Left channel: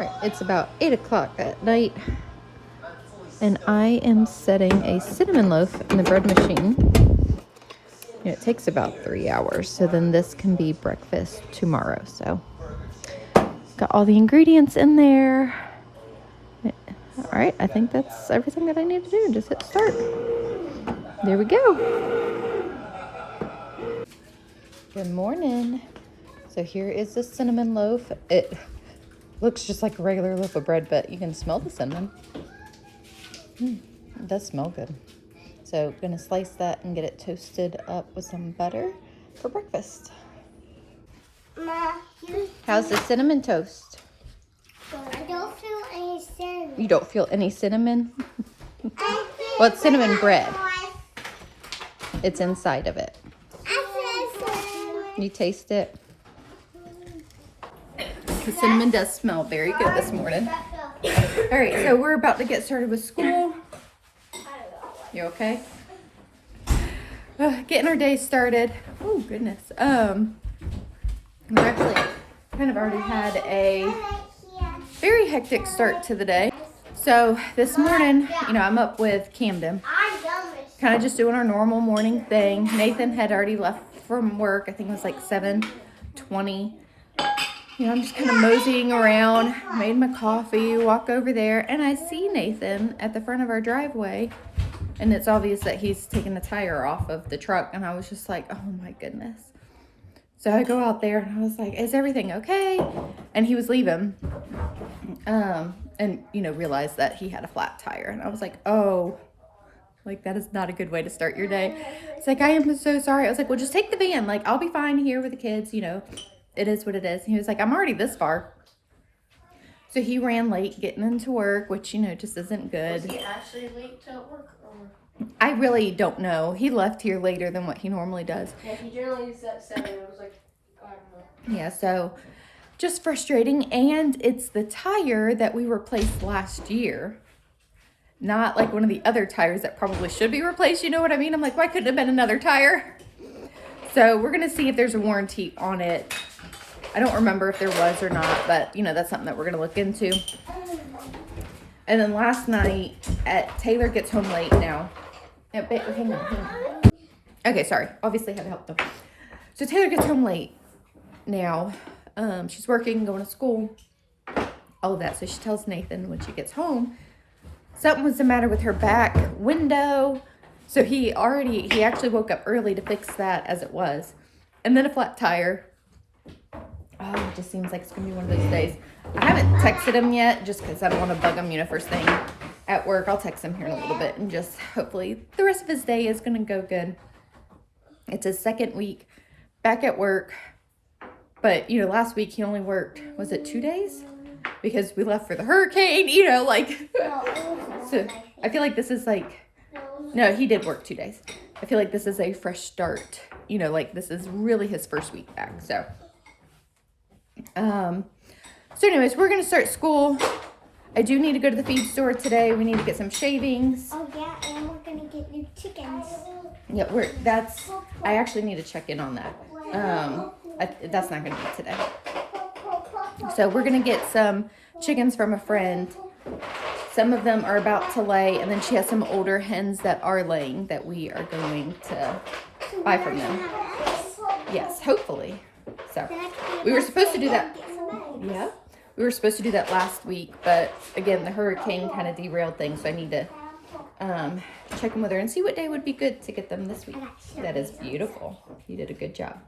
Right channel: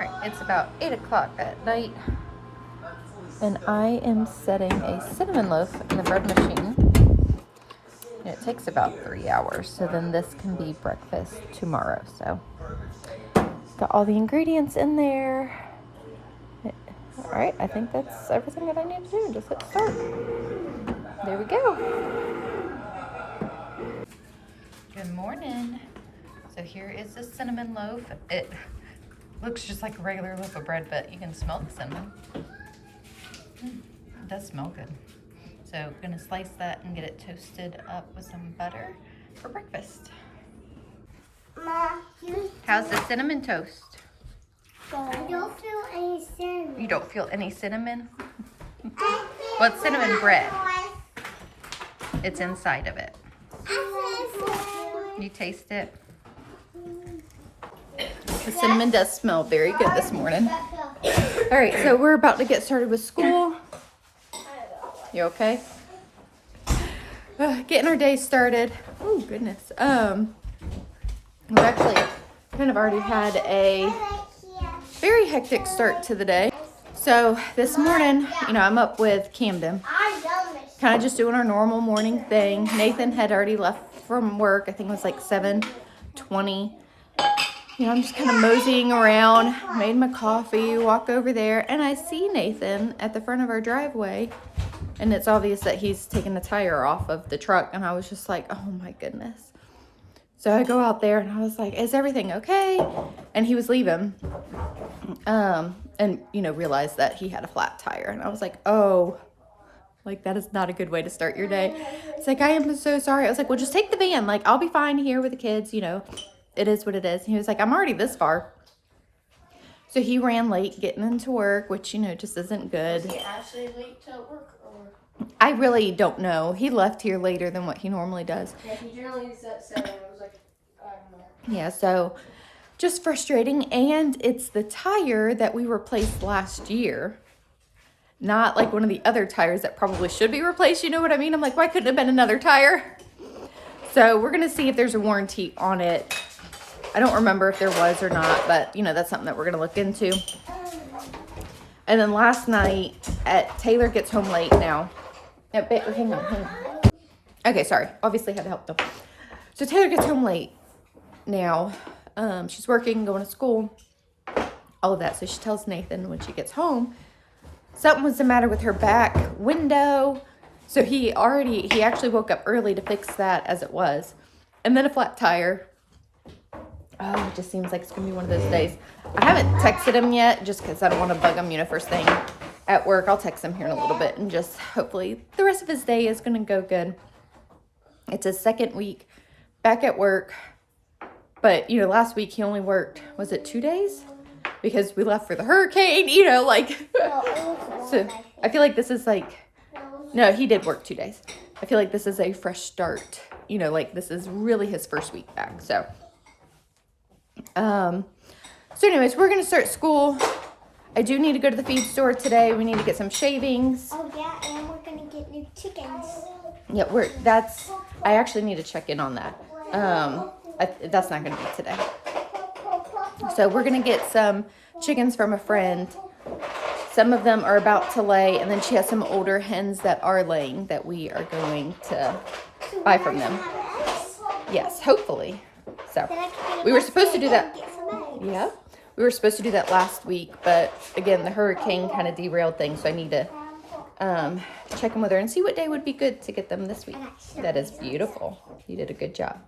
Alright, it's about 8 o'clock at night, and I am setting a cinnamon loaf in the bread machine. And it takes about 3 hours, so then this can be breakfast tomorrow. So, got all the ingredients in there. Alright, I think that's everything that I need to do. Just hit start. There we go. Good morning. So here is the cinnamon loaf. It looks just like a regular loaf of bread, but you can smell the cinnamon. It does smell good. So gonna slice that and get it toasted up with some butter for breakfast. How's the cinnamon toast? I don't feel any cinnamon. You don't feel any cinnamon? Well, it's cinnamon bread. It's inside of it. You taste it? The cinnamon does smell very good this morning. All right, so we're about to get started with school. You okay? Getting our day started. Oh, goodness. We're actually kind of already had a very hectic start to the day. So this morning, I'm up with Camden. Kind of just doing our normal morning thing. Nathan had already left from work. I think it was like 7:20. I'm just kind of moseying around, made my coffee, walk over there, and I see Nathan at the front of our driveway, and it's obvious that he's taking the tire off of the truck, and I was just like, oh my goodness. So I go out there, and I was like, is everything okay? And he was leaving, and, realized that he had a flat tire, and I was like, oh, like, that is not a good way to start your day. It's like, I am so sorry. I was like, well, just take the van. Like, I'll be fine here with the kids, It is what it is. And he was like, I'm already this far. So he ran late getting into work, which, just isn't good. Was he actually late to work? Or? I really don't know. He left here later than what he normally does. Yeah, he generally leaves at 7. It was like, I don't know. Yeah, so just frustrating. And it's the tire that we replaced last year. Not like one of the other tires that probably should be replaced. You know what I mean? I'm like, why couldn't it have been another tire? So we're going to see if there's a warranty on it. I don't remember if there was or not, but that's something that we're going to look into. And then last night, Taylor gets home late now. Hang on. Okay, sorry. Obviously had to help them. So Taylor gets home late now. She's working, going to school, all of that. So she tells Nathan when she gets home, something was the matter with her back window. So he actually woke up early to fix that as it was. And then a flat tire. Oh, it just seems like it's going to be one of those days. I haven't texted him yet just because I don't want to bug him, first thing at work. I'll text him here in a little bit and just hopefully the rest of his day is going to go good. It's his second week back at work. But, last week he only worked, was it 2 days? Because we left for the hurricane, So I feel like this is no, he did work 2 days. I feel like this is a fresh start. This is really his first week back. So anyways, we're going to start school. I do need to go to the feed store today. We need to get some shavings. Oh, yeah, and we're going to get new chickens. Yeah, I actually need to check in on that. That's not going to be today. So we're going to get some chickens from a friend. Some of them are about to lay, and then she has some older hens that are laying that we are going to buy from them. Yes, hopefully. So we were supposed to do that. Yeah, we were supposed to do that last week, but again, the hurricane kind of derailed things. So I need to check in with her and see what day would be good to get them this week. That is beautiful. You did a good job.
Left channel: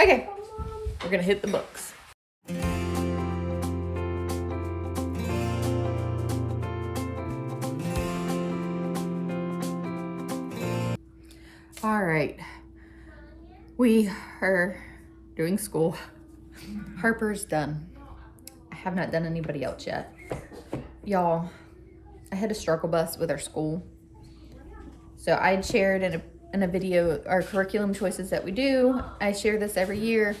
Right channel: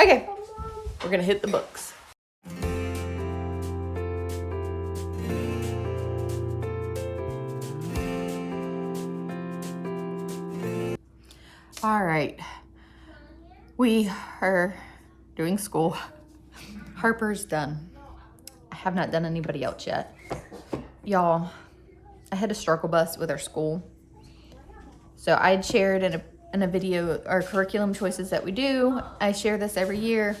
Okay, we're going to hit the books. All right, we are doing school. Harper's done. I have not done anybody else yet. Y'all, I had a struggle bus with our school. So I shared in a video our curriculum choices that we do. I share this every year.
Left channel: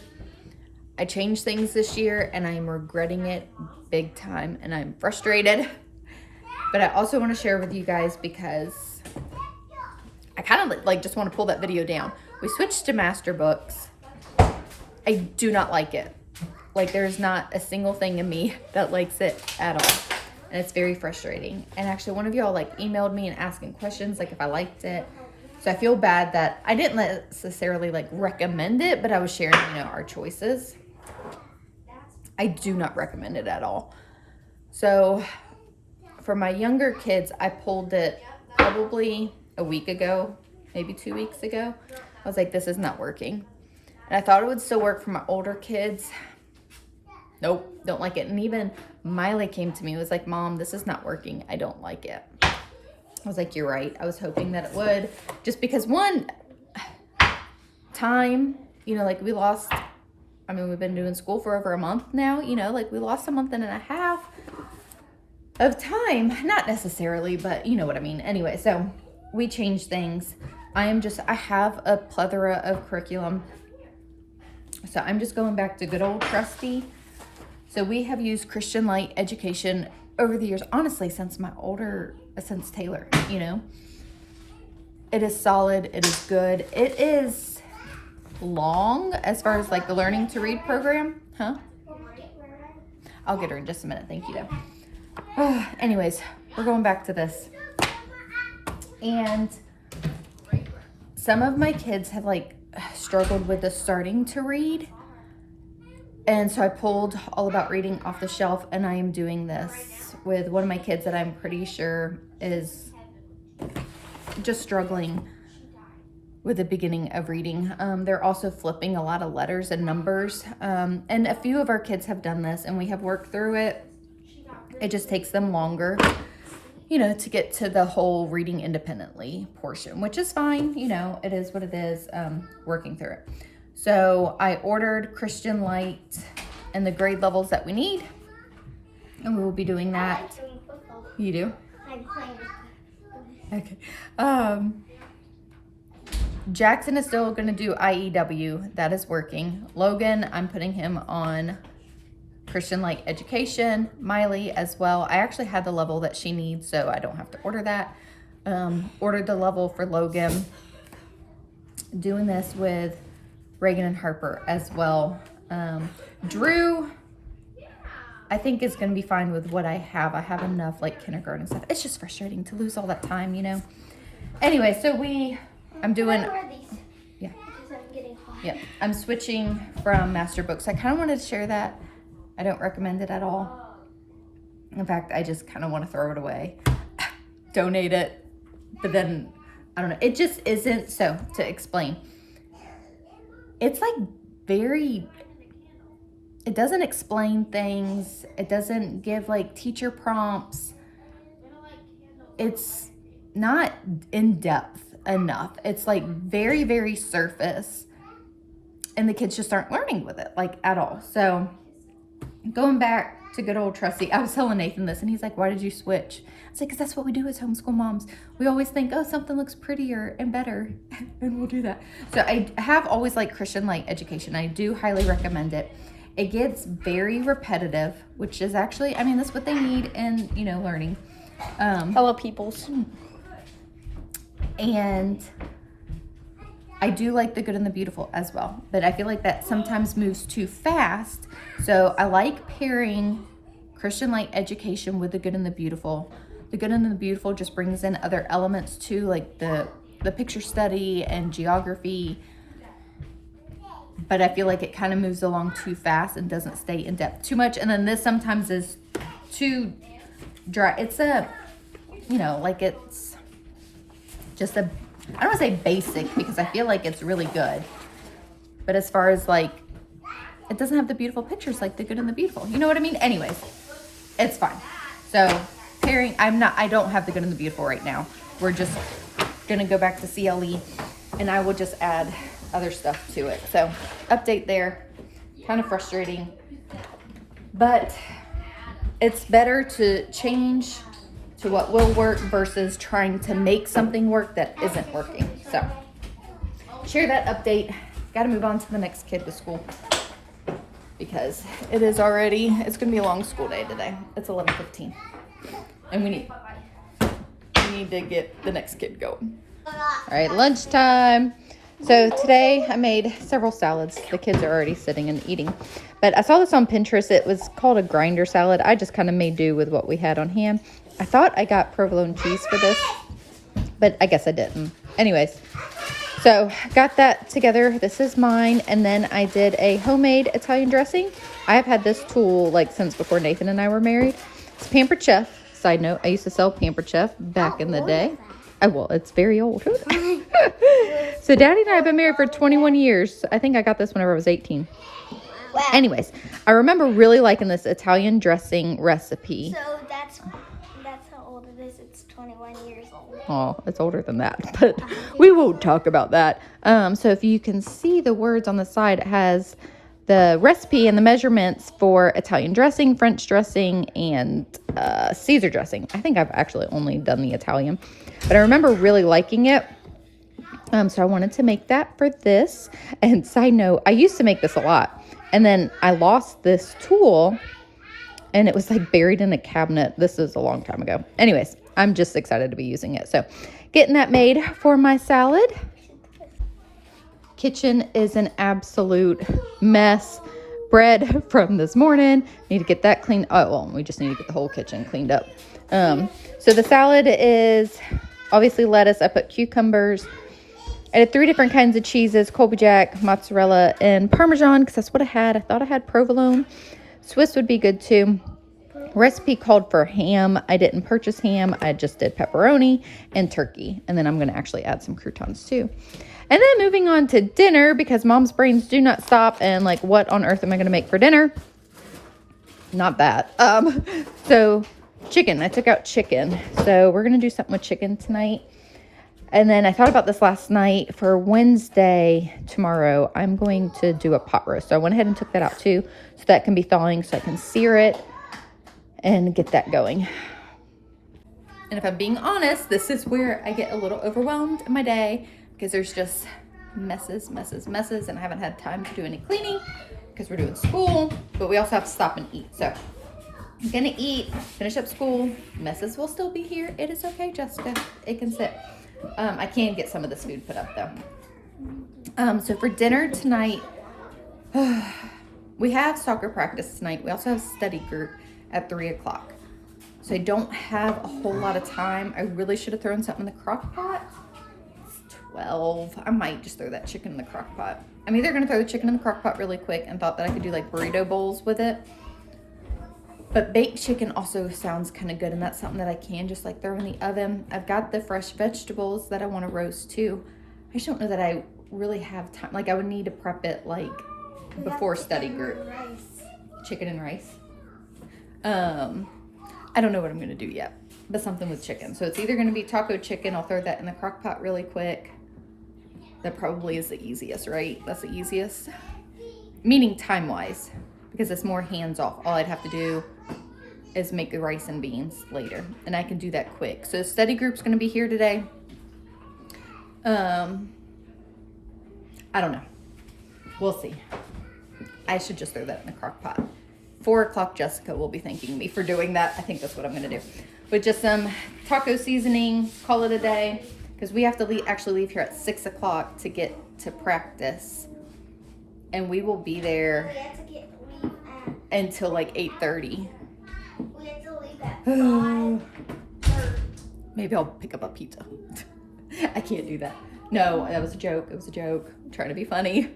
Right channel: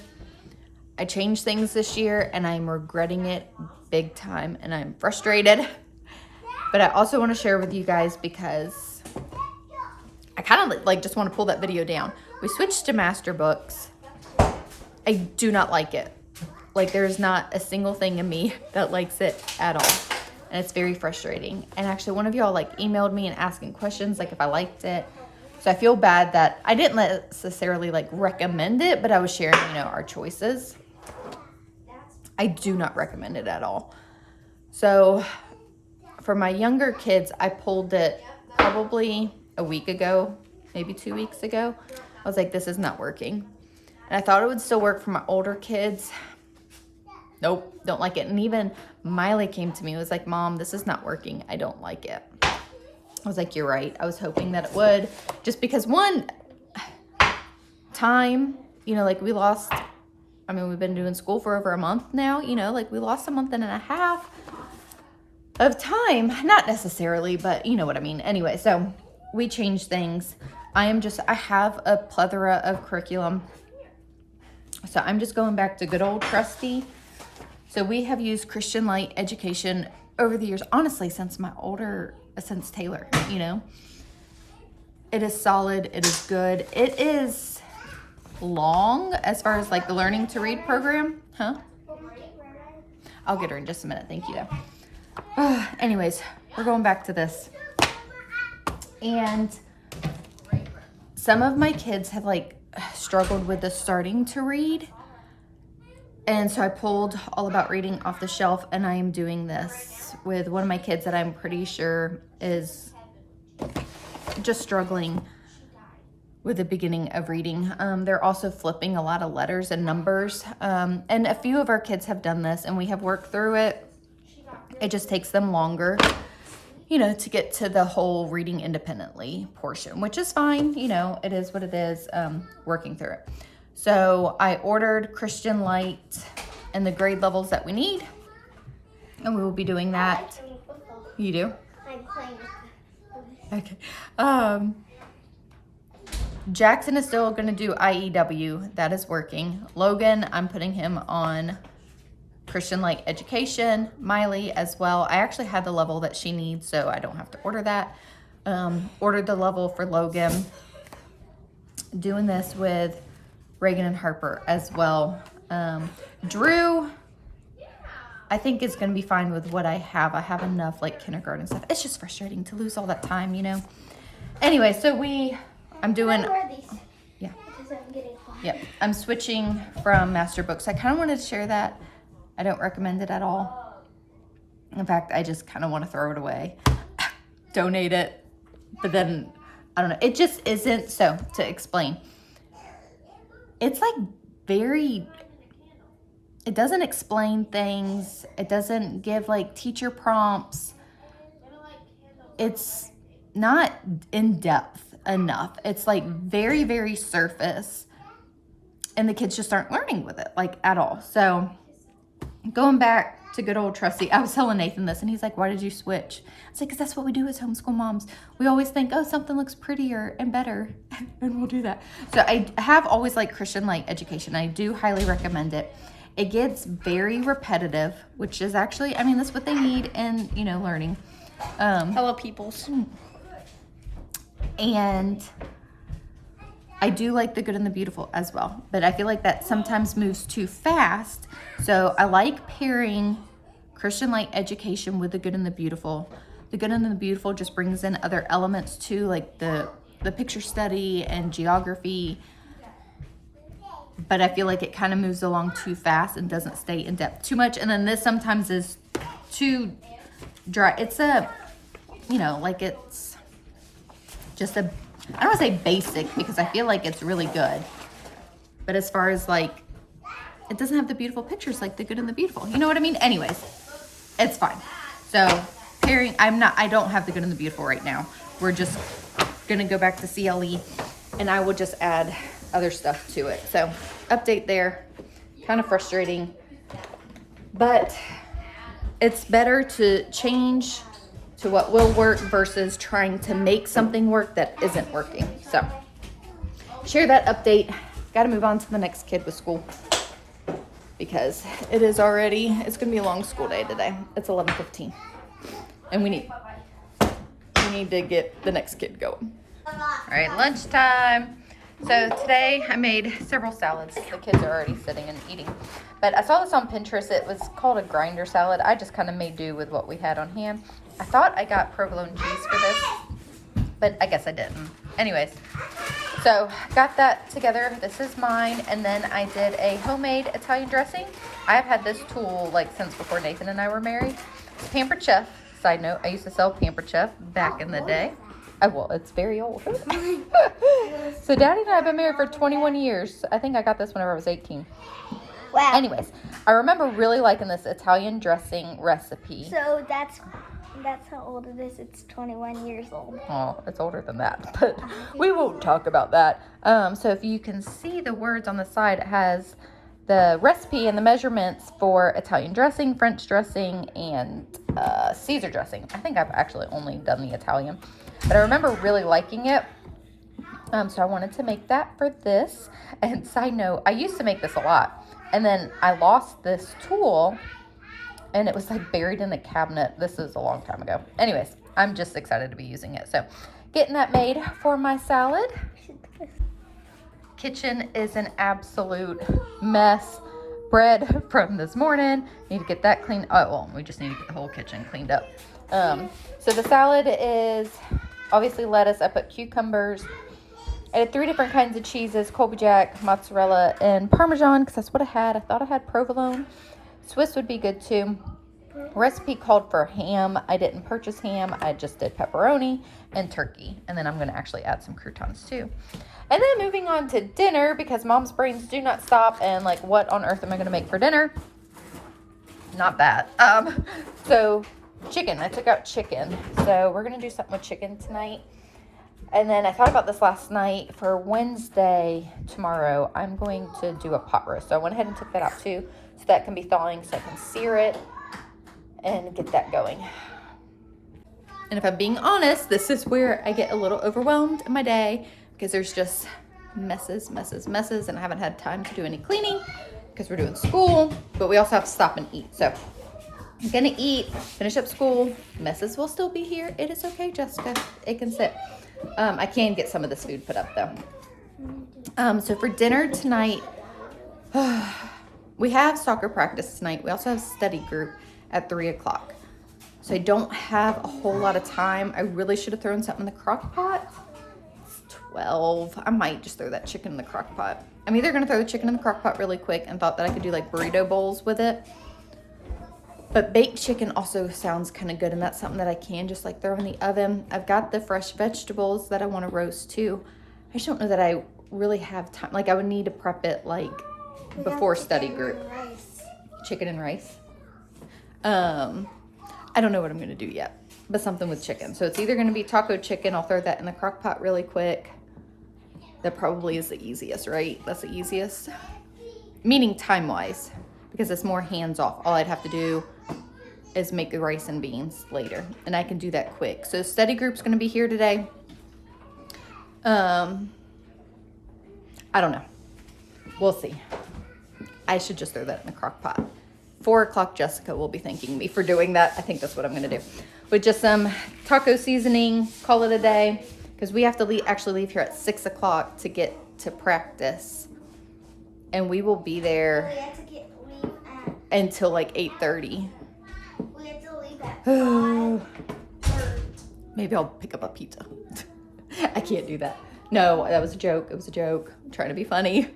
I changed things this year and I'm regretting it big time and I'm frustrated. But I also want to share with you guys because I kind of just want to pull that video down. We switched to master books. I do not like it. Like, there's not a single thing in me that likes it at all. And it's very frustrating. And actually, one of y'all like emailed me and asking questions, like if I liked it. So I feel bad that I didn't necessarily like recommend it, but I was sharing, you know, our choices. I do not recommend it at all. So for my younger kids, I pulled it probably a week ago, maybe 2 weeks ago. I was like, this is not working. And I thought it would still work for my older kids. Nope, don't like it. And even Miley came to me and was like, Mom, this is not working. I don't like it. I was like, you're right. I was hoping that it would. Just because one, time, you know, like we lost, I mean, we've been doing school for over a month now, you know, like we lost a month and a half of time. Not necessarily, but you know what I mean. Anyway, so we changed things. I have a plethora of curriculum. So I'm just going back to good old trusty. So we have used Christian Light education over the years, honestly, since Taylor, you know. It is solid. It is good. It is long as far as like the learning to read program. Huh? I'll get her in just a minute. Thank you, though. Anyways, we're going back to this. And some of my kids have like struggled with the starting to read. And so I pulled All About Reading off the shelf, and I am doing this with one of my kids that I'm pretty sure is just struggling with the beginning of reading. They're also flipping a lot of letters and numbers. And a few of our kids have done this, and we have worked through it. It just takes them longer, you know, to get to the whole reading independently portion, which is fine. You know, it is what it is, working through it. So I ordered Christian Light and the grade levels that we need, and we will be doing that. You do? I'm playing. Okay. Jackson is still going to do IEW. That is working. Logan, I'm putting him on Christian Light education. Miley as well. I actually had the level that she needs, so I don't have to order that. Ordered the level for Logan. Doing this with Reagan and Harper as well. Drew, I think is going to be fine with what I have. I have enough like kindergarten stuff. It's just frustrating to lose all that time, you know. Anyway, so I'm doing, yeah. Yep, I'm switching from master books. I kind of wanted to share that. I don't recommend it at all. In fact, I just kind of want to throw it away, donate it, but then I don't know. It just isn't. So to explain, it's like it doesn't explain things. It doesn't give like teacher prompts. It's not in depth enough. It's like very, very surface, and the kids just aren't learning with it like at all. So going back to good old trusty, I was telling Nathan this, and he's like, why did you switch? I was like, because that's what we do as homeschool moms. We always think, oh, something looks prettier and better, and we'll do that. So I have always liked Christian Light education. I do highly recommend it. It gets very repetitive, which is actually, I mean, that's what they need in, you know, learning. Hello, peoples. And I do like the good and the beautiful as well, but I feel like that sometimes moves too fast. So I like pairing Christian Light education with the good and the beautiful. The good and the beautiful just brings in other elements too, like the picture study and geography. But I feel like it kind of moves along too fast and doesn't stay in depth too much. And then this sometimes is too dry. It's you know, like it's just I don't want to say basic because I feel like it's really good. But as far as like, it doesn't have the beautiful pictures like the good and the beautiful. You know what I mean? Anyways, it's fine. So pairing, I don't have the good and the beautiful right now. We're just going to go back to CLE, and I will just add other stuff to it. So update there. Kind of frustrating. But it's better to change to what will work versus trying to make something work that isn't working. So share that update. Got to move on to the next kid with school because it's going to be a long school day today. It's 11:15 and we need to get the next kid going. All right, lunchtime. So today I made several salads. The kids are already sitting and eating. But I saw this on Pinterest. It was called a grinder salad. I just kind of made do with what we had on hand. I thought I got provolone cheese for this, but I guess I didn't. Anyways, so got that together. This is mine. And then I did a homemade Italian dressing. I have had this tool like since before Nathan and I were married. It's Pampered Chef. Side note, I used to sell Pampered Chef back in the day. Oh, well, it's very old. So Daddy and I have been married for 21 years. I think I got this whenever I was 18. Wow. Anyways, I remember really liking this Italian dressing recipe. So that's how old it is. It's 21 years old. Oh, it's older than that, but we won't talk about that. So if you can see the words on the side, it has the recipe and the measurements for Italian dressing, French dressing, and Caesar dressing. I think I've actually only done the Italian, but I remember really liking it. So I wanted to make that for this. And side note, I used to make this a lot, and then I lost this tool and it was like buried in a cabinet. This is a long time ago. Anyways, I'm just excited to be using it. So getting that made for my salad. Kitchen is an absolute mess. Bread from this morning. Need to get that cleaned. Oh, well, we just need to get the whole kitchen cleaned up. So the salad is obviously lettuce. I put cucumbers. I did 3 different kinds of cheeses: Colby Jack, mozzarella, and Parmesan, because that's what I had. I thought I had provolone. Swiss would be good too. Recipe called for ham. I didn't purchase ham. I just did pepperoni and turkey. And then I'm going to actually add some croutons too. And then moving on to dinner, because mom's brains do not stop. And like, what on earth am I going to make for dinner? Not that. So chicken. I took out chicken. So we're going to do something with chicken tonight. And then I thought about this last night. For Wednesday, tomorrow, I'm going to do a pot roast. So I went ahead and took that out too, so that can be thawing, so I can sear it and get that going. And if I'm being honest, this is where I get a little overwhelmed in my day, because there's just messes, and I haven't had time to do any cleaning because we're doing school, but we also have to stop and eat. So I'm gonna eat, finish up school. Messes will still be here. It is okay, Jessica. It can sit. I can get some of this food put up though. So for dinner tonight, we have soccer practice tonight. We also have study group at 3 o'clock. So I don't have a whole lot of time. I really should have thrown something in the crock pot. It's 12. I might just throw that chicken in the crock pot. I'm either gonna throw the chicken in the crock pot really quick and thought that I could do like burrito bowls with it. But baked chicken also sounds kind of good, and that's something that I can just like throw in the oven. I've got the fresh vegetables that I want to roast too. I just don't know that I really have time. Like, I would need to prep it like before study group. Chicken and rice. I don't know what I'm going to do yet, but something with chicken. So it's either going to be taco chicken. I'll throw that in the crock pot really quick. That probably is the easiest, right? That's the easiest. Meaning time-wise, because it's more hands-off. All I'd have to do is make the rice and beans later, and I can do that quick. So study group's going to be here today. I don't know. We'll see. I should just throw that in the crock pot. 4 o'clock, Jessica will be thanking me for doing that. I think that's what I'm going to do. With just some taco seasoning, call it a day, because we have to actually leave here at 6 o'clock to get to practice, and we will be there until like 8:30. Maybe I'll pick up a pizza. I can't do that. No, that was a joke. It was a joke. I'm trying to be funny.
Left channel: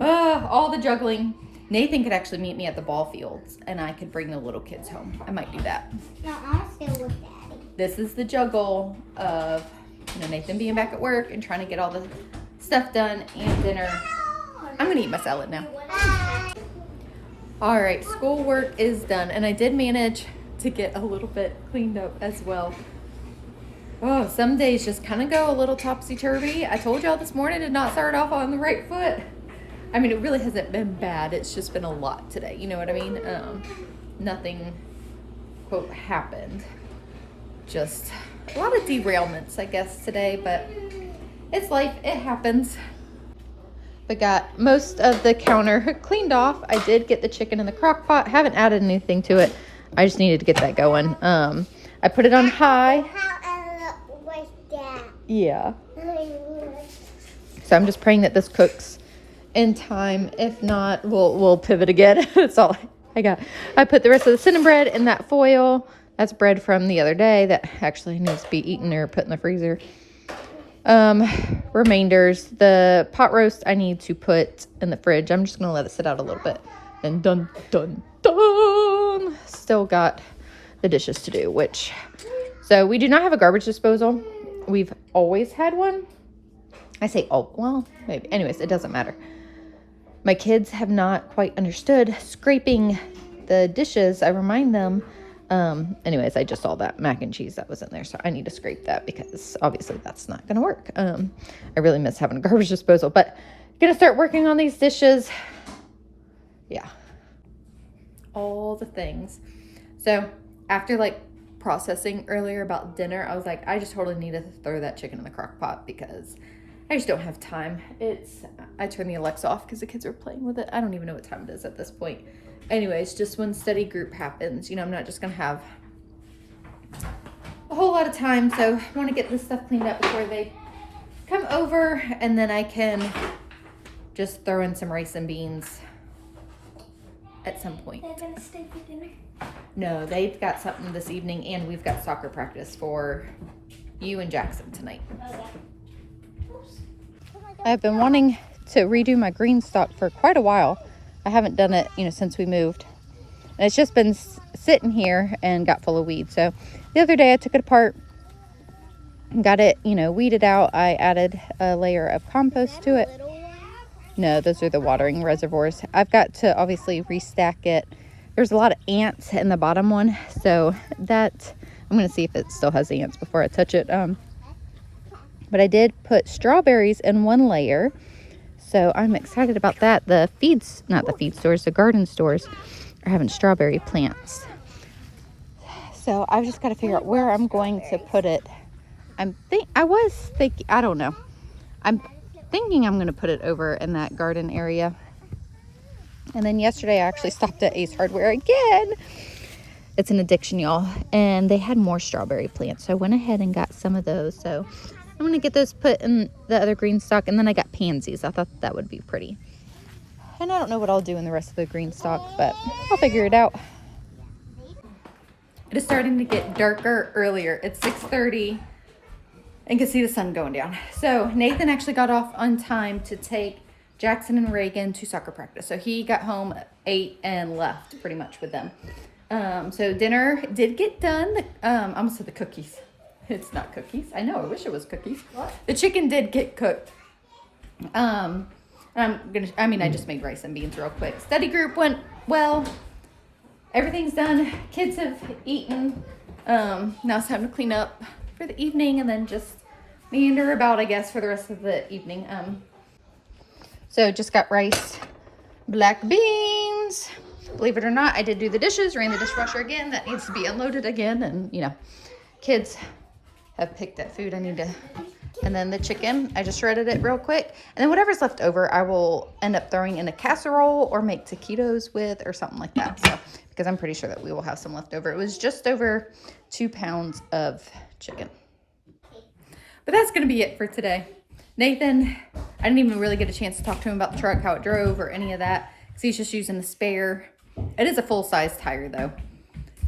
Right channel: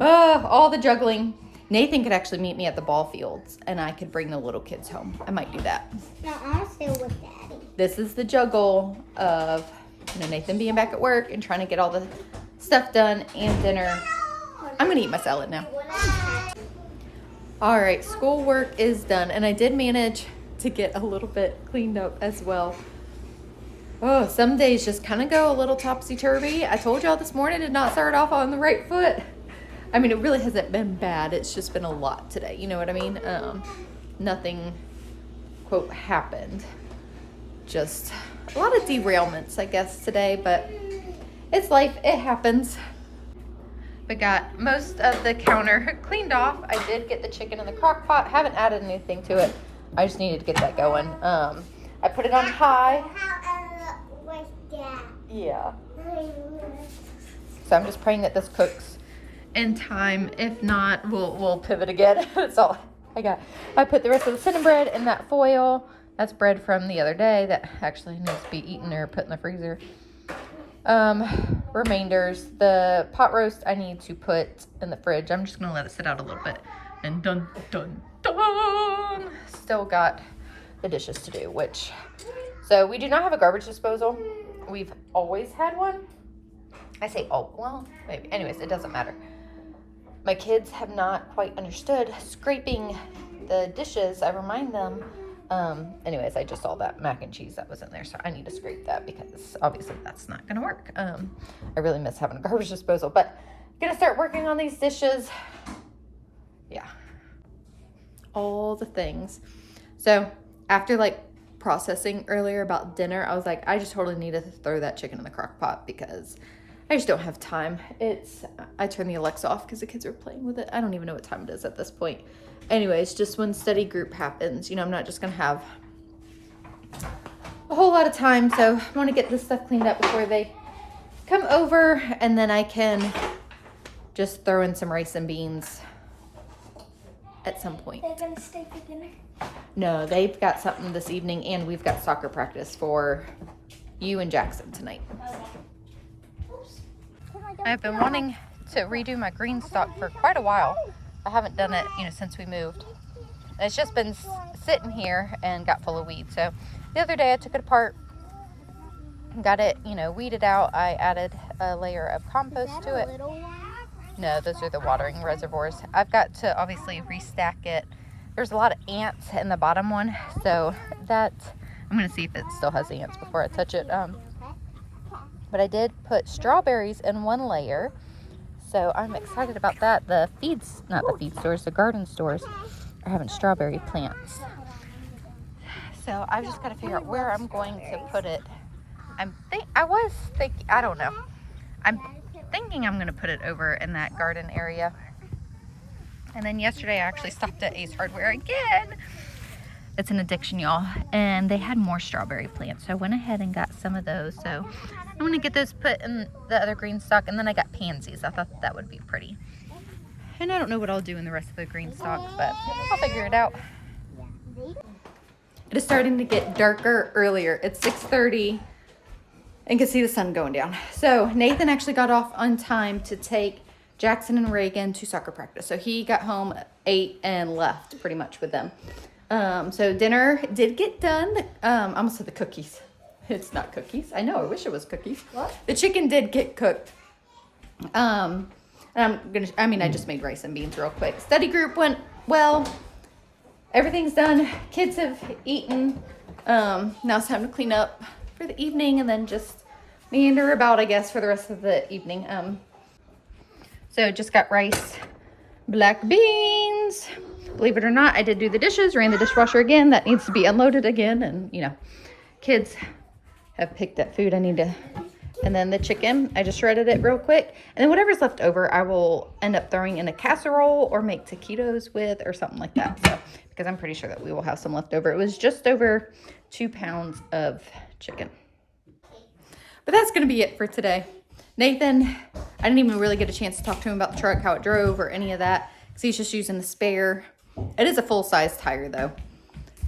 All the juggling. Nathan could actually meet me at the ball fields, and I could bring the little kids home. I might do that. No, I'm still with Daddy. This is the juggle of, Nathan being back at work and trying to get all the stuff done and dinner. I'm gonna eat my salad now. All right, schoolwork is done, and I did manage to get a little bit cleaned up as well. Oh, some days just kind of go a little topsy-turvy. I told y'all this morning did not start off on the right foot. I mean, it really hasn't been bad. It's just been a lot today. You know what I mean? Nothing, quote, happened. Just a lot of derailments, I guess, today, but it's life. It happens. But got most of the counter cleaned off. I did get the chicken in the crock pot. Haven't added anything to it. I just needed to get that going. I put it on high. Yeah. So I'm just praying that this cooks in time. If not, we'll pivot again. That's all I got. I put the rest of the cinnamon bread in that foil. That's bread from the other day that actually needs to be eaten or put in the freezer. Remainders. The pot roast I need to put in the fridge. I'm just gonna let it sit out a little bit. And dun dun dun, still got the dishes to do, which, so we do not have a garbage disposal. We've always had one. I say, oh, well, maybe. Anyways, it doesn't matter. My kids have not quite understood scraping the dishes. I remind them. Anyways, I just saw that mac and cheese that was in there, so I need to scrape that because obviously that's not gonna work. I really miss having a garbage disposal, but gonna start working on these dishes. Yeah, all the things. So after like processing earlier about dinner, I was like, I just totally need to throw that chicken in the crock pot because I just don't have time. I turned the Alexa off because the kids are playing with it. I don't even know what time it is at this point. Anyways, just when study group happens, you know, I'm not just gonna have a whole lot of time. So I want to get this stuff cleaned up before they come over, and then I can just throw in some rice and beans at some point. They're gonna stay for dinner. No, they've got something this evening, and we've got soccer practice for you and Jackson tonight. I've been wanting to redo my green stock for quite a while. I haven't done it, you know, since we moved. And it's just been sitting here and got full of weeds. So the other day I took it apart and got it, you know, weeded out. I added a layer of compost to it. No, those are the watering reservoirs. I've got to obviously restack it. There's a lot of ants in the bottom one, so that I'm gonna see if it still has ants before I touch it. But I did put strawberries in one layer, so I'm excited about that. The the garden stores are having strawberry plants. So I've just got to figure out where I'm going to put it. I'm thinking I'm going to put it over in that garden area. And then yesterday I actually stopped at Ace Hardware again. It's an addiction, y'all. And they had more strawberry plants. So I went ahead and got some of those. So I'm going to get those put in the other green stock. And then I got pansies. I thought that would be pretty. And I don't know what I'll do in the rest of the green stock, but I'll figure it out. It is starting to get darker earlier. It's 6:30 and can see the sun going down. So Nathan actually got off on time to take Jackson and Reagan to soccer practice. So he got home at 8 and left pretty much with them. So dinner did get done. I almost said the cookies. It's not cookies. I know, I wish it was cookies. What? The chicken did get cooked. And I just made rice and beans real quick. Study group went well. Everything's done. Kids have eaten. Now it's time to clean up for the evening and then just meander about, I guess, for the rest of the evening. So just got rice, black beans. Believe it or not, I did do the dishes, ran the dishwasher again. That needs to be unloaded again. And, you know, kids have picked that food. I need to. And then the chicken, I just shredded it real quick. And then whatever's left over, I will end up throwing in a casserole or make taquitos with or something like that. So, because I'm pretty sure that we will have some left over. It was just over 2 pounds of chicken. But that's going to be it for today. Nathan, I didn't even really get a chance to talk to him about the truck, how it drove or any of that. Because he's just using the spare. It is a full-size tire though.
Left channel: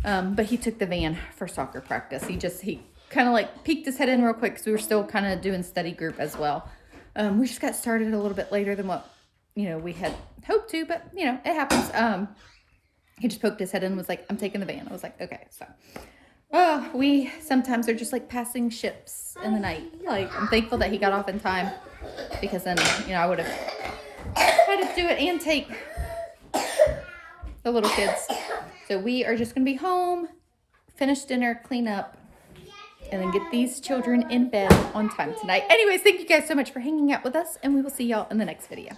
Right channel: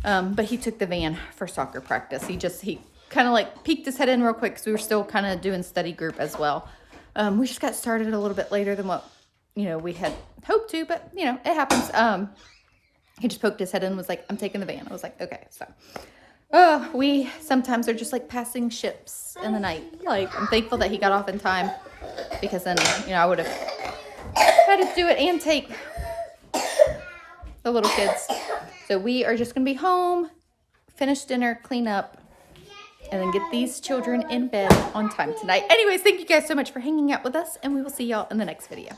But he took the van for soccer practice. He kind of like peeked his head in real quick because we were still kind of doing study group as well. We just got started a little bit later than what, you know, we had hoped to, but you know, it happens. He just poked his head in and was like, I'm taking the van. I was like, okay. So we sometimes are just like passing ships in the night. Like, I'm thankful that he got off in time because then, you know, I would have tried to do it and take the little kids. So we are just gonna be home, finish dinner, clean up, and then get these children in bed on time tonight. Anyways, thank you guys so much for hanging out with us, and we will see y'all in the next video.